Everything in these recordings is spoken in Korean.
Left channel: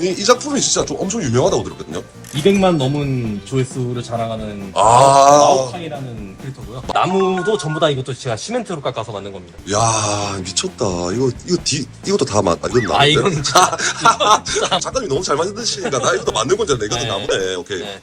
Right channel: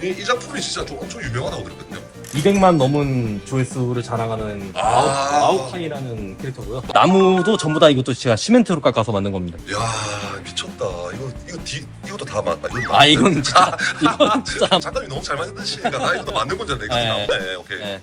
이, 이 작품이 진짜 좀 엄청 유명하다고 들었거든요. 200만 넘은 조회수를 자랑하는 아. 마오카이라는 캐릭터고요. 나무도 전부 다 이것도 제가 시멘트로 깎아서 만든 겁니다. 야 미쳤다. 이거 이거 뒤 이것도 다 맞다. 이건 나무인데. 아 이건 진짜 작가님이 너무 잘 만드시니까 나 이것도 만든 건줄 알았는데 이것도 네. 나무네. 오케이. 네.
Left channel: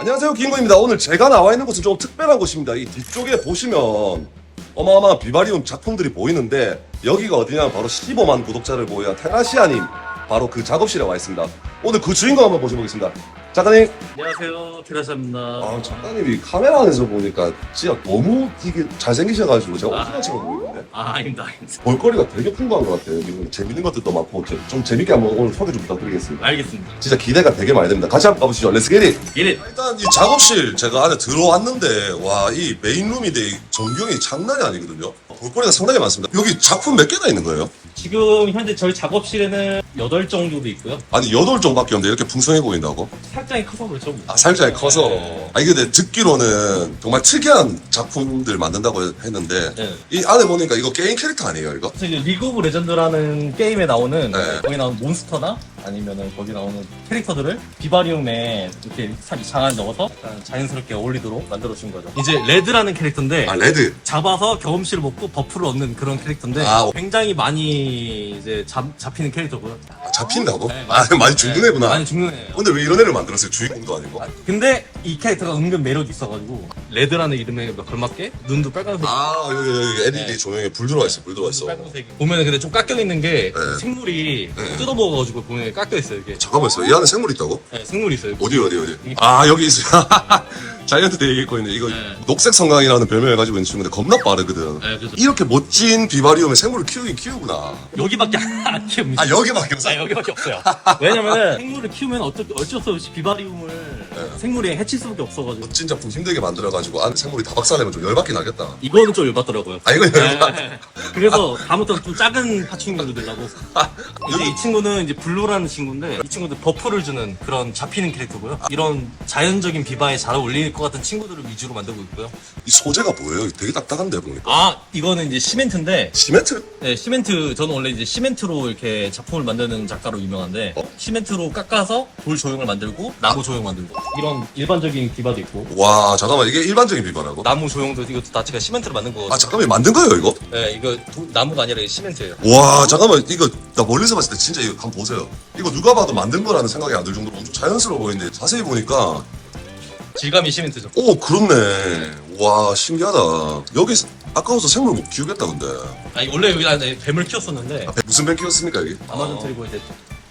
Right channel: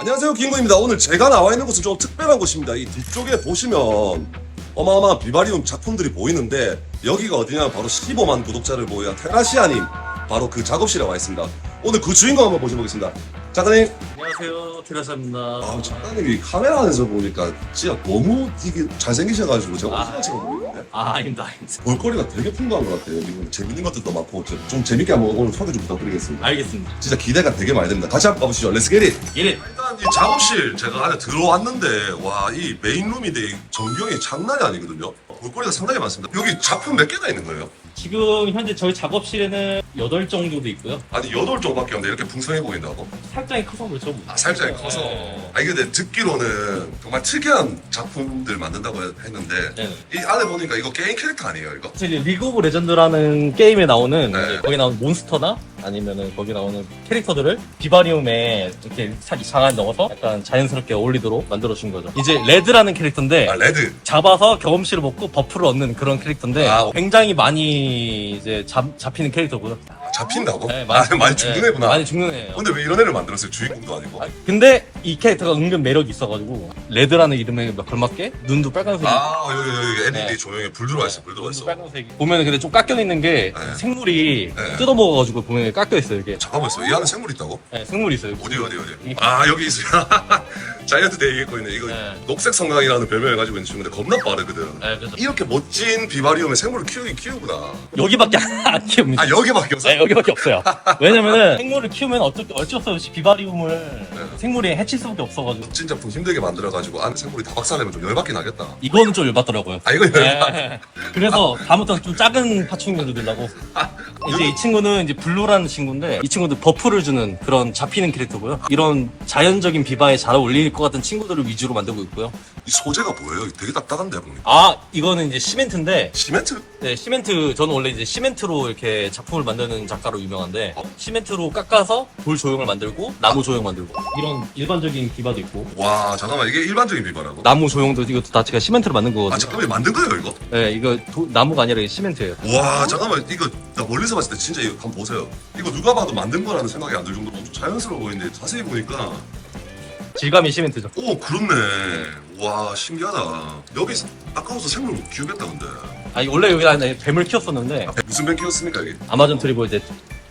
안녕하세요 김구입니다 오늘 제가 나와 있는 곳은 좀 특별한 곳입니다 이 뒤쪽에 보시면 어마어마한 비바리움 작품들이 보이는데 여기가 어디냐? 바로 15만 구독자를 보유한 테라시아님. 바로 그 작업실에 와 있습니다. 오늘 그 주인공 한번 모셔보겠습니다 작가님 안녕하세요 테라샤입니다. 아 작가님이 카메라 안에서 보니까 진짜 너무 이게 잘생기셔가지고 제가 아. 오픈하시고 보이는데 아 아닙니다 아닙니다. 볼거리가 되게 풍부한 것 같아요 지금 재밌는 것들도 많고 저- 좀 재밌게 한번 오늘 소개 좀 부탁드리겠습니다 알겠습니다. 진짜 기대가 되게 많이 됩니다 같이 한번 가보시죠 렛츠 기릿 예. 일단 이 작업실 제가 안에 들어왔는데 와 이 메인룸인데 이 전경이 장난이 아니거든요. 볼거리가 상당히 많습니다. 여기 작품 몇 개나 있는 거예요? 지금 현재 저희 작업실에는 8 정도 있고요. 아니 여덟 종밖에 없는데 이렇게 풍성해 보인다고? 살짝이 커서 그렇죠. 아 살짝 커서. 네. 아 이게 근데 듣기로는 정말 특이한 작품들 만든다고 했는데 네. 이 안에 보니까 이거 게임 캐릭터 아니에요 이거? 리그 오브 레전드라는 게임에 나오는 네. 거기 나오는 몬스터나 아니면은 거기 나오는 캐릭터들을 비바리움에 이렇게 살 이상한 넣어서 약간 자연스럽게 어울리도록 만들어 준 거죠. 이제 레드라는 캐릭터인데 아 레드. 잡아서 경험치를 먹고 버프를 얻는 그런 캐릭터인데 아, 오. 굉장히 많이 이제 잡, 잡히는 캐릭터고요. 아, 잡힌다고? 네, 아 많이 죽는 네, 애구나. 많이 죽는 애예요. 근데 왜 이런 애를 만들었어요? 주인공도 아니고. 근데 이 캐릭터가 은근 매력이 있어가지고 레드라는 이름에 걸맞게 눈도 빨간색. 아 여기 여기 LED 네. 조명에 불 들어와 있어 불 들어와 있어. 빨간색. 보면 근데 좀 깎여 있는 게 네. 생물이 네. 뜯어먹어가지고 보면 깎여 있어요 이게. 잠깐만 있어. 이 안에 생물 있다고? 네, 생물이 있어요. 어디 어디 어디? 아 여기 있어요. 자이언트 대회 있고 있네. 이거 네. 녹색 성강이라는 별명을 가지고 있는 친구인데 겁나 빠르거든. 네, 그래서 이렇게 멋진 비바리움에 생물을 키우긴 키우구나. 여기밖에 안 키웁니다. 아 여기밖에 없어. 네, 여기밖에 없어요. 왜냐면 생물을 키우면 어쩔, 어쩔 수 없이 비바리움을 네. 생물이 해칠 수밖에 없어가지고 멋진 작품 힘들게 만들어가지고 안에 생물이 다 박살내면 좀 열받긴 하겠다. 이거는 좀 열받더라고요. 아 이거 열받. 네. 그래서 다음부터 좀 작은 파충류로 들라고 이제 이 친구는 이제 블루라는 친구인데 이 친구도 버프를 주는 그런 잡히는 캐릭터고요. 이런 자연적인 비바에 잘 어울릴 것 같은 친구들을 위주로 만들고 있고요. 이 소재가 뭐예요? 되게 딱딱한데 보니까. 아 이거는 이제 시멘트인데 시멘트? 네, 시멘트 저는 원래 이제 시멘트로 이렇게 작품을 만드는 작가로 유명한데 어? 시멘트로 깎아서 돌 조형을 만들고 나무 조형 만들고 이런 일반적인 비바도 있고 와 잠깐만 이게 일반적인 비바라고? 나무 조형도 이것도 다 제가 시멘트로 만든 거거든요. 아 잠깐만 만든 거예요 이거? 네, 이거 도- 나무가 아니라 시멘트예요. 와 잠깐만 이거 나 멀리서 봤을 때 진짜 이거 한번 보세요. 이거 누가 봐도 만든 거라는 생각이 안 들 정도로 엄청 자연스러워 보이는데 자세히 보니까 질감이 시멘트죠. 오 그렇네. 와 신기하다. 여기 아까워서 생물 못 키우겠다 근데. 아니 원래 여기 안에 뱀을 키웠었는데 아, 무슨 뱀 키웠습니까 여기? 아마존 트리버 이제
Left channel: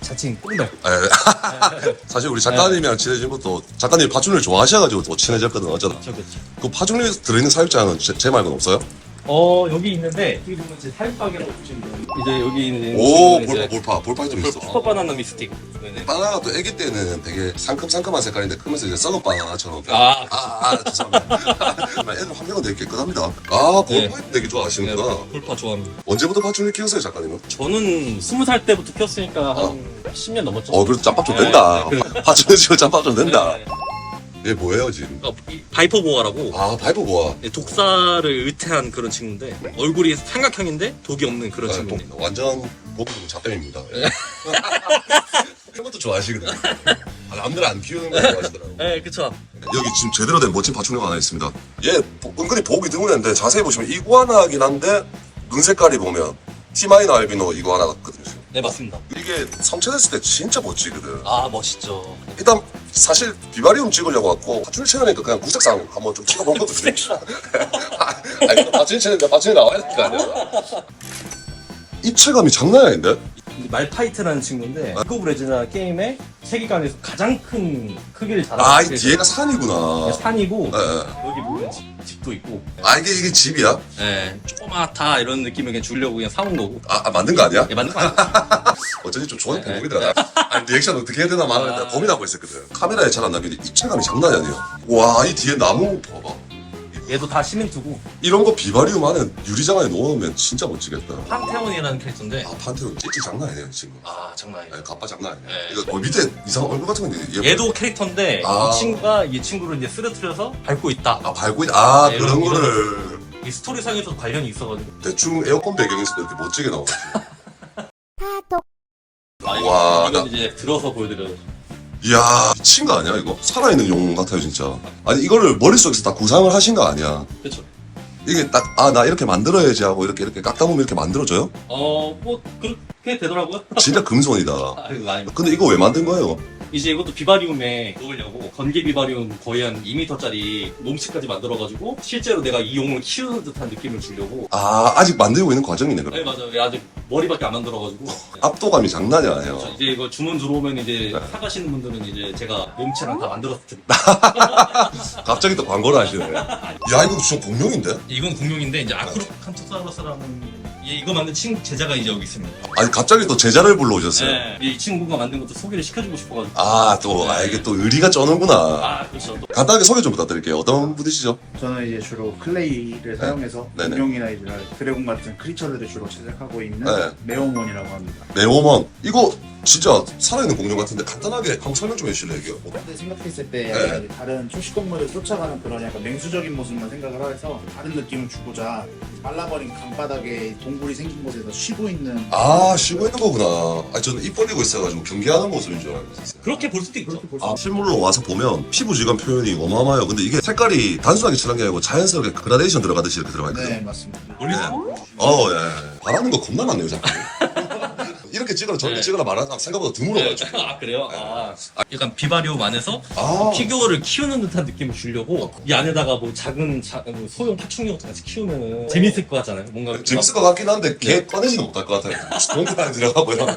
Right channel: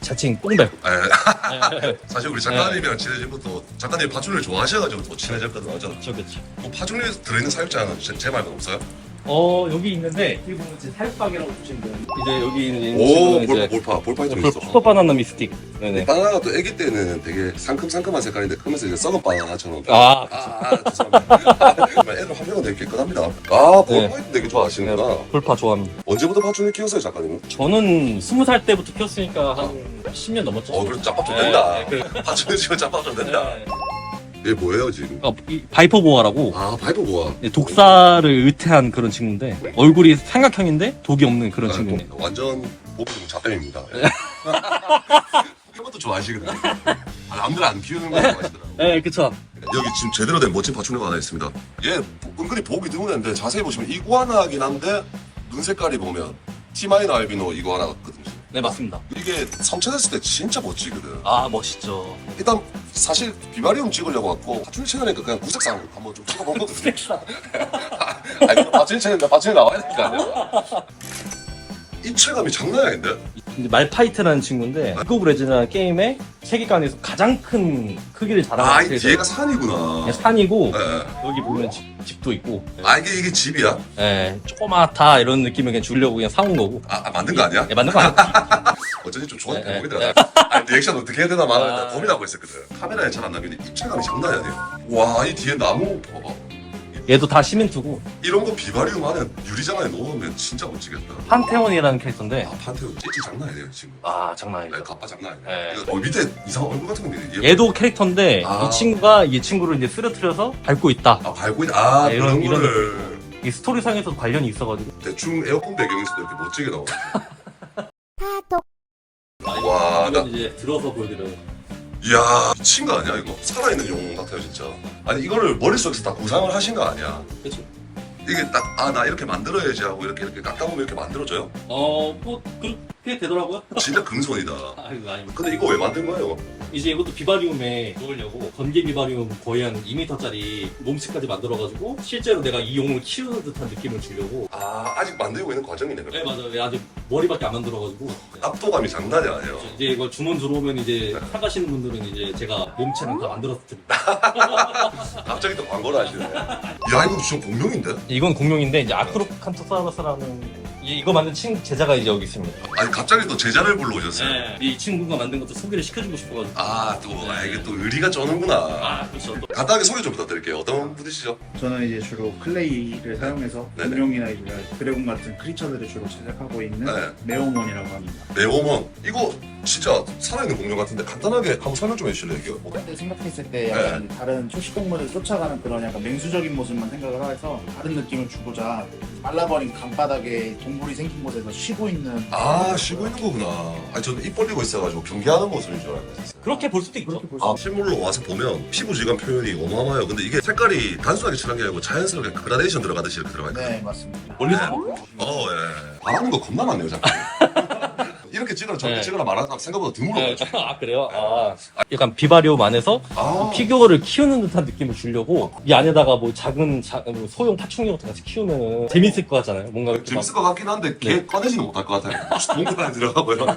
자칭 뽕뱀. 에, 사실 우리 작가님이랑 친해진 것도 작가님 파충류를 좋아하셔가지고 또 친해졌거든 어쩌다. 그렇죠, 그렇죠. 그 파충류에 들어있는 사육자는 제, 제 말고는 없어요? 어 여기 있는데 여기 보면 이제 사육박이라고 보시면 돼요. 이제 여기 있는 오 볼파 볼파 볼파 좀 있어. 슈퍼 바나나 미스틱. 네네. 바나나가 또 아기 때는 되게 상큼상큼한 색깔인데 크면서 이제 썩은 바나나처럼. 아, 아, 아 죄송합니다. 애들 환경은 되게 깨끗합니다. 아 볼파이도 되게 좋아하시는구나. 볼파 좋아합니다. 언제부터 파충류 키웠어요 작가님은? 저는 스무 살 때부터 키웠으니까 한 10년 넘었죠. 어 그래도 짬밥 좀 네, 된다. 네, 그- 파충류 치고 짬밥 좀 된다. 네. 얘 뭐예요 지금? 어, 이 바이퍼 보아라고 아 파이프 모아. 독사를 의태한 그런 친구인데 얼굴이 삼각형인데 독이 없는 그런 아, 친구. 또 완전 보기 잡담입니다. 예. 이런 것도 좋아하시거든요. 아, 남들 안 키우는 거 좋아하시더라고요. 네, 그쵸. 여기 지금 제대로 된 멋진 파충류가 하나 있습니다. 얘 보- 은근히 보기 드문 애인데 자세히 보시면 이구아나긴 한데 눈 색깔이 보면 티마이나 알비노 이구아나 같거든요. 지금. 네, 맞습니다. 이게 성체됐을 때 진짜 멋지거든. 아, 멋있죠. 일단 사실 비바리움 찍으려고 왔고 파충류 채널이니까 그냥 구색상 한번 좀 찍어본 거거든요. 아니 파충류 채널인데 파충류 나와야 될 거 아니야. 입체감이 장난이 아닌데? 이제 말파이트라는 친구인데 리그 오브 레전드 게임의 세계관에서 가장 큰 크기를 자랑하는 아, 이. 뒤에가 산이구나. 네, 산이고 예, 예. 여기 보면 집, 집도 있고 아, 이게, 이게 집이야? 예, 조그맣다 이런 느낌을 그냥 주려고 그냥 사온 거고 아, 아, 만든 거 아니야? 네, 맞는 거 아니야? 어쩐지 좀 좋은 대목이더라. 나, 아니, 리액션 어떻게 해야 되나 말아야 되나 고민하고 있었거든. 카메라에 잘 안 나면 입체감이 장난이 아니야. 와, 이 뒤에 나무 봐봐. 얘도 다 시멘트고 이런 거 비바리움 안에 유리장 안에 넣으면 진짜 멋지겠다. 판테온이라는 캐릭터인데 아, 판테온 찌찌 장난 아니에요, 지금. 아 장난 네, 아니야 가빠 장난 아니에요. 네. 이거 어, 밑에 이상한 얼굴 같은 거 있는데. 얘 얘도 캐릭터인데 아. 이 친구가 이 친구를 이제 쓰러뜨려서 밟고 있다 아, 밟고 있, 아, 네, 그런 이런- 거를 이 스토리상에서 관련이 있어가지고 대충 에어컨 배경에서도 이렇게 멋지게 나오지. 아 아, 이거, 와, 이건 나- 이제 들어서 보여드려요. 이야 미친 거 아니야 이거? 살아있는 용 같아요 진짜. 아니 이거를 머릿속에서 다 구상을 하신 거 아니야? 그렇죠. 이게 딱 아 나 이렇게 만들어야지 하고 이렇게 이렇게 깎다 보면 이렇게 만들어져요? 어, 뭐 그렇게 되더라고요. 진짜 금손이다. 아이고 아니. 근데 이거 왜 만든 거예요? 이제 이것도 비바리움에 넣으려고 건개 비바리움 거의 한 2m짜리 몸치까지 만들어가지고 실제로 내가 이 용을 키우는 듯한 느낌을 주려고. 아 아직 만들고 있는 과정이네 그럼. 네 맞아요. 아직 머리밖에 안 만들어가지고. 압도감이 장난이 아니에요. 그렇죠. 이제 이거 주문 들어오면 이제 사가시는 분들은 이제 제가 몸체랑 다 만들어서 드립니다. 갑자기 또 광고를 하시네. 야 이거 진짜 공룡인데? 이건 공룡인데 이제 아크로칸토사우루스라는 이- 이거 만든 친 제자가 이제 여기 있습니다. 아니 갑자기 또 제자를 불러오셨어요. 네. 이 친구가 만든 것도 소개를 시켜주고 싶어가지고. 아 또 아, 이게 또 의리가 쩌는구나. 아 그렇죠. 또 간단하게 소개 좀 부탁드릴게요. 어떤 분이시죠? 저는 이제 주로 클레이를 사용해서 네네. 공룡이나 이제 드래곤 같은 크리처들을 주로 제작하고 있는 네. 메오몬이라고 합니다. 네오먼 이거 진짜 살아있는 공룡 같은데 간단하게 한번 설명 좀 해주실래요? 이게 어, 그때 생각했을 때 네. 약간 다른 초식 동물을 쫓아가는 그런 약간 맹수적인 모습만 생각을 해서 다른 느낌을 주고자 말라버린 강바닥에 동굴이 생긴 곳에서 쉬고 있는 아 쉬고 있는 거구나. 아니 저는 입 벌리고 있어가지고 경계하는 모습인 줄 알고 있었어요. 그렇게 볼 수도 있죠. 그렇게 볼수 아 실물로 와서 보면 피부 질감 표현이 어마어마해요. 근데 이게 색깔이 단순하게 칠한 게 아니고 자연스럽게 그라데이션 들어가듯이 이렇게 들어가 있거든요. 네 맞습니다. 멀리서 어, 예. 바라는 거 겁나 많네요, 자꾸. 이렇게 찍어라, 저렇게 네. 말하는 사람 생각보다 드물어가지고. 아 그래요? 아, 약간 비바리움 안에서 아, 피규어를 키우는 듯한 느낌을 주려고 이 안에다가 뭐 작은 자- 뭐 소형 파충류 같은 거 같이 키우면 재밌을 것 같잖아요. 뭔가 재밌을 것 같긴 한데, 걔 꺼내지는 못할 것 같아요. 안에 들어가고요.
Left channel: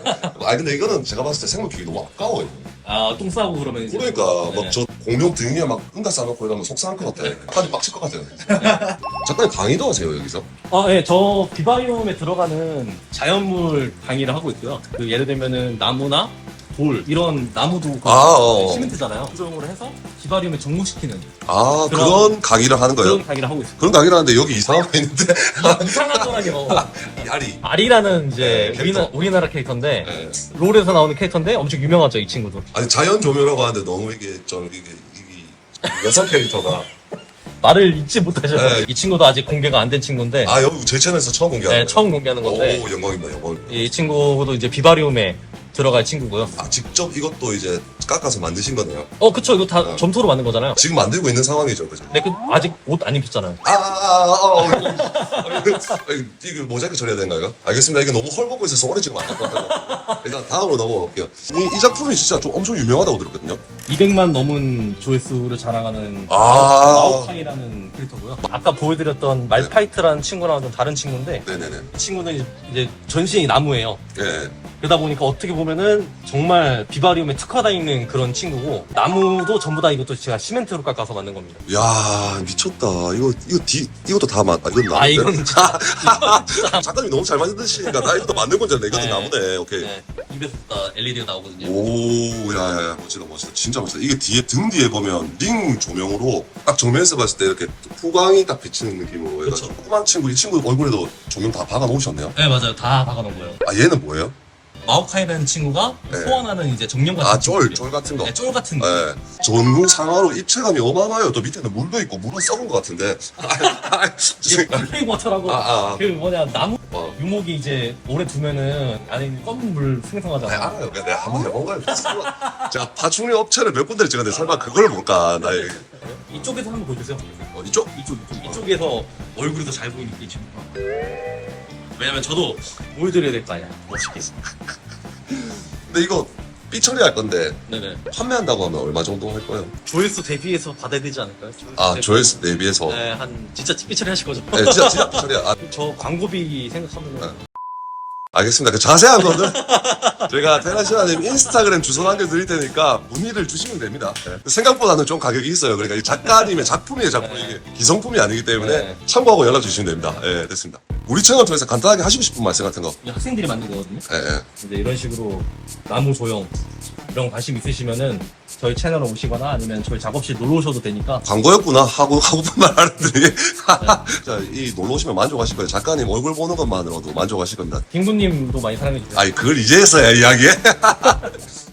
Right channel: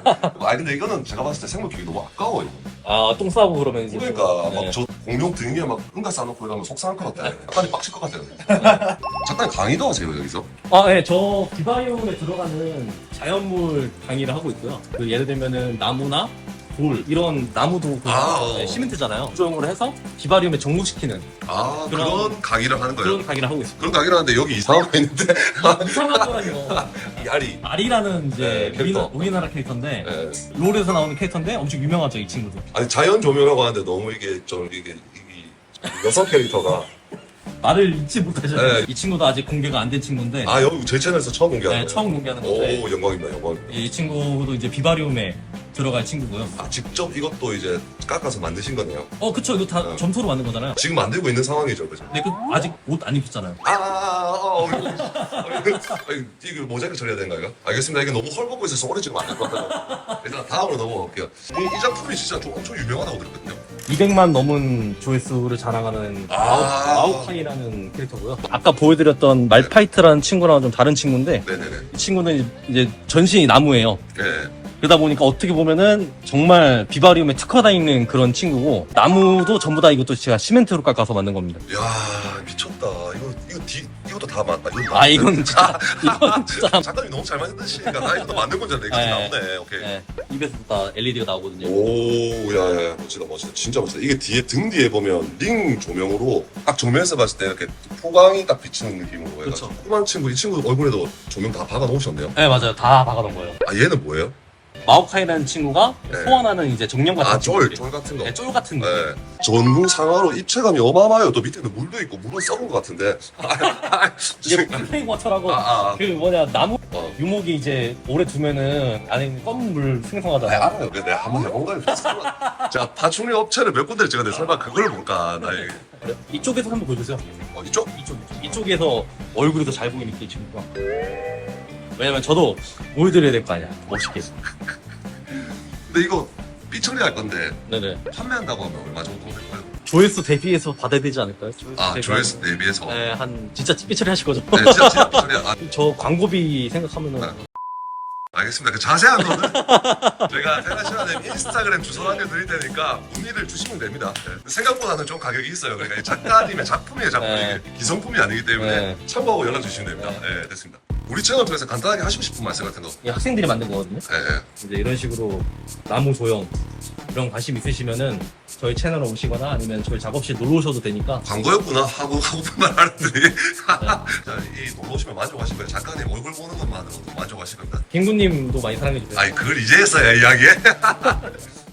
아, 근데 이거는 제가 봤을 때 생물 키우기 너무 아까워요. 아똥 싸고 그러면 이제 그러니까, 네. 막저 공룡 등에 막 응가 싸놓고 이러면 속상할 것 같아. 약간 빡칠 것 같아요. 잠깐 강의도 하세요, 여기서? 아, 네, 저 비바리움에 들어가는 자연물 강의를 하고 있고요. 그 예를 들면은 나무나 돌 이런 나무도 아, 어. 네, 시멘트잖아요. 조형으로 해서 비바리움에 정복시키는 아, 그런- 그런 강의를 하는 거예요? 그런 강의를 하고 있습니다. 그런 강의를 하는데 여기 이상한 거 있는데, 이상하더라고요. 이 알이. 아리라는 이제 네, 캐릭터. 우리나, 우리나라 캐릭터인데 예. 롤에서 나오는 캐릭터인데 엄청 유명하죠 이 친구도. 아니, 자연 조명이라고 하는데 너무 이게 좀, 이게, 이게 여성 캐릭터가. 말을 잊지 못하셨어요. 네. 이 친구도 아직 공개가 안 된 친구인데 아, 여기 제 채널에서 처음 공개하는 네, 거예요? 처음 공개하는 건데 오, 영광입니다, 영광. 이 친구도 이제 비바리움에 들어갈 친구고요. 아, 직접 이것도 이제 깎아서 만드신 거네요. 어 그쵸 이거 다 네. 점토로 만든 거잖아요. 지금 만들고 있는 상황이죠, 그죠? 근데 그 아직 옷 안 입혔잖아요. 아, 아, 아, 아, 어, 이거, 이거 모자이크 처리해야 이거? 알겠습니다. 이게 너무 헐벗고 있어서 오래 찍으면 안될 것 같아요. 일단 다음으로 넘어갈게요. 이, 이 작품이 진짜 좀 엄청 유명하다고 들었거든요. 200만 넘은 조회수를 자랑하는 아. 마오카이라는 캐릭터고요. 아까 보여드렸던 말파이트라는 친구랑 좀 다른 친구인데 네네네. 이 친구는 이제 전신이 나무예요. 네. 그러다 보니까 어떻게 보면은 정말 비바리움에 특화다 있는 그런 친구고 나무도 전부 다 이것도 제가 시멘트로 깎아서 만든 겁니다. 야 미쳤다. 이거, 이거 디, 이것도 다 맞, 아, 이건 나무인데? 아 이건 진짜 작가님이 너무 잘 만드시니까 나 이것도 만든 건줄. 이것도 네. 나무네. 오케이. 네, 입에서 다 LED가 나오거든요. 오, 야, 야, 멋지다, 멋지다. 진짜 멋지다. 이게 뒤에, 등 뒤에 보면 링 조명으로 딱 정면에서 봤을 때 이렇게 포광이 딱 비치는 느낌으로. 그쵸. 해가지고 조그만 친구, 이 친구 얼굴에도 조명 다 박아 놓으셨네요. 네 맞아요 다 박아놓은 거예요. 아, 얘는 뭐예요? 마오카이라는 친구가 네. 소원하는 이제 정령 같은 아, 쫄. 쫄 같은 거. 네, 쫄 같은 거. 네. 전무 상하로 입체감이 어마어마해요. 또 밑에는 물도 있고, 물은 썩은 것 같은데. 플레이워터라고 아, 아, 그 뭐냐 나무 아. 유목이 이제 오래 두면은 안에 있는 검은 물 아, 생성하잖아요. 알아요. 내가 한번 해본 거예요. 자, 파충류 업체를 몇 군데를 찍었는데 설마 그걸 볼까? 나에게. 이쪽에서 한번 보여주세요. 어, 이쪽? 이쪽 이쪽 이쪽에서 얼굴이 더 잘 보이니까 이 친구가. 왜냐면 저도 보여드려야 될 거 아니야. 멋있게. 근데 이거 삐 처리할 건데, 네네. 판매한다고 하면 얼마 정도 할 거예요? 조회수 대비해서 받아야 되지 않을까요? 조회수 아, 대비. 조회수 대비해서. 네, 한 진짜 삐처리 하실 거죠? 네, 진짜, 진짜 삐 처리야. 아, 저 광고비 생각하면 네. 알겠습니다. 그 자세한 거는 저희가 테라시아님 인스타그램 주소 남겨드릴 테니까 문의를 주시면 됩니다. 네. 생각보다는 좀 가격이 있어요. 그러니까 이 작가님의 작품이에요, 작품. 네. 이게 기성품이 아니기 때문에 네. 참고하고 연락 주시면 됩니다. 네, 됐습니다. 우리 채널 통해서 간단하게 하시고 싶은 말씀 같은 거. 이 학생들이 만든 거거든요. 네, 네. 이제 이런 식으로 나무 조형 이런 관심 있으시면은 저희 채널에 오시거나 아니면 저희 작업실 놀러 오셔도 되니까 광고였구나 하고 하고픈 말 하는데 자, 이 놀러 오시면 만족하실 거예요. 작가님 얼굴 보는 것만으로도 만족하실 겁니다. 빙 구님도 많이 사랑해 주세요. 아니 그걸 이제 했어야 이야기해.